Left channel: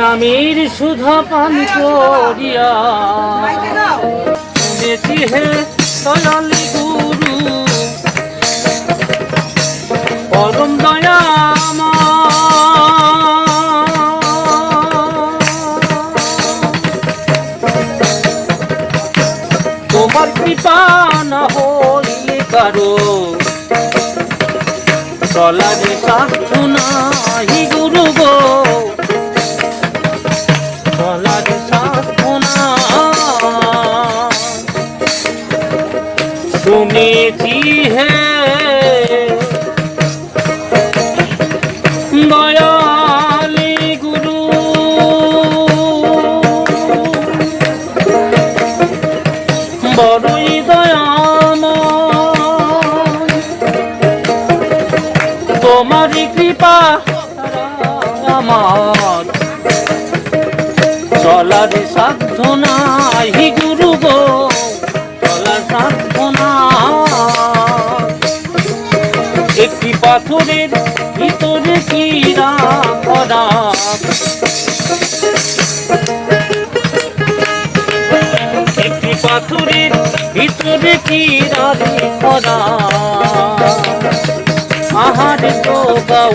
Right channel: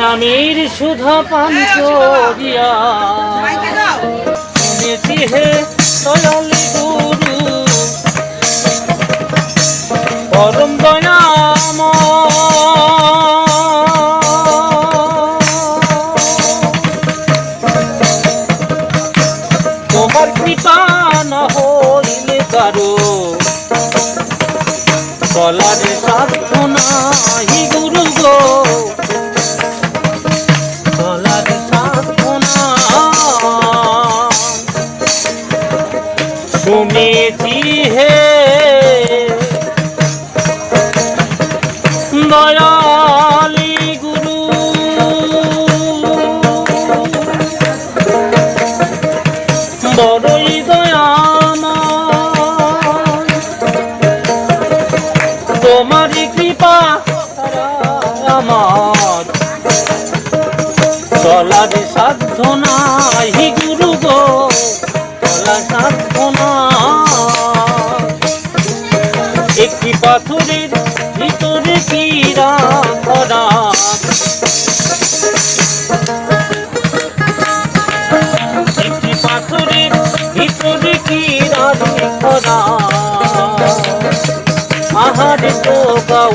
স্বামীর সুধা পান করিয়া। শুনেছি হে দয়ালি গুরু, পরম দয়ামা তোমার কৃপা না হইলে কারও চলারে শুনেছি হে। দয়ালি কৃপা আমার। চলার সাধ্য নাই গুরু গো। পাথরের ভিতরে চিরা করা একটি পাথরের ভিতরে চিরা করা আহারে তো গাও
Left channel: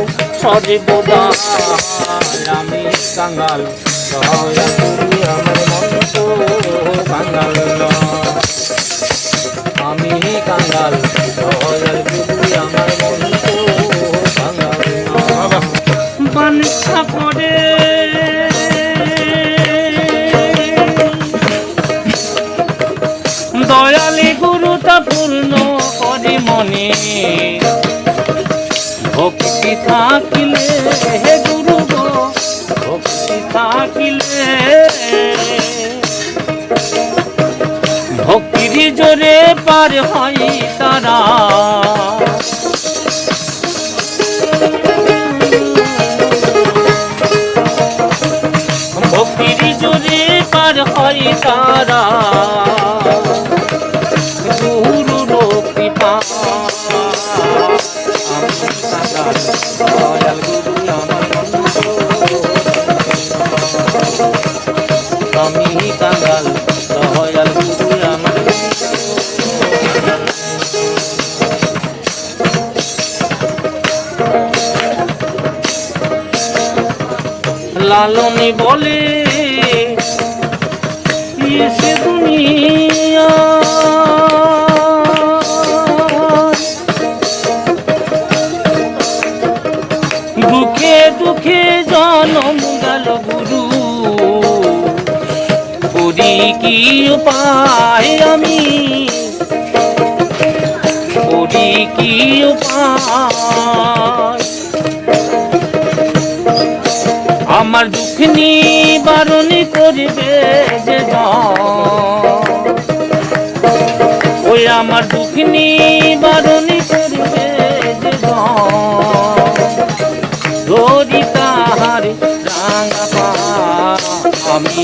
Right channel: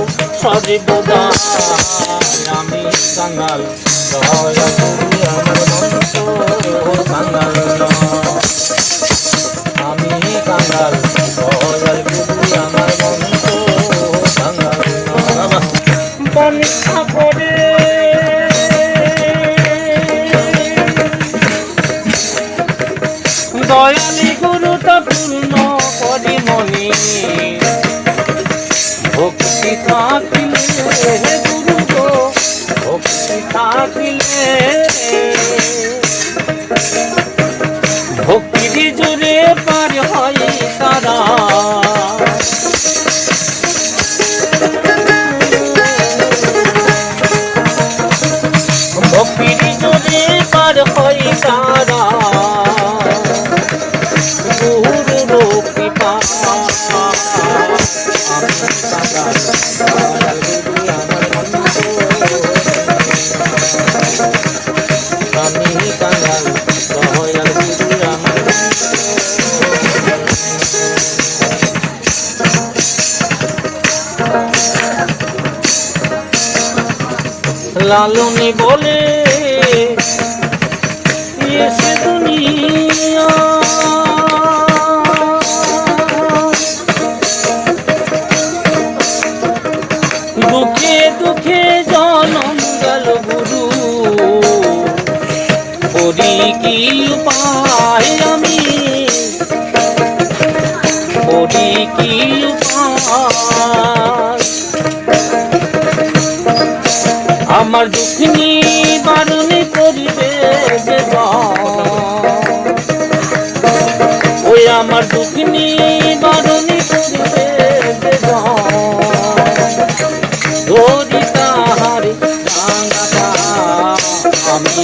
করে দয়ালি গুরুটা পূর্ণ করে মনে। ভক্তি থাকিলে গুরু ভক্তি থাকিলে। ভক্তির জোরে পার হয় ভক্তির জোরে পার হয় তারা। গুরু রূপী আমি কাঙ্গাল লালনী বলে, এসে দুনিয়া। দুঃখে দুঃখে জনম গেল গুরু। করি কি উপায় আমি? করি কি উপায়? আমার দুঃখ নিবারণ করিবে। ওই আমার দুঃখ নিবারণ করিবে ধরি তাহার আমি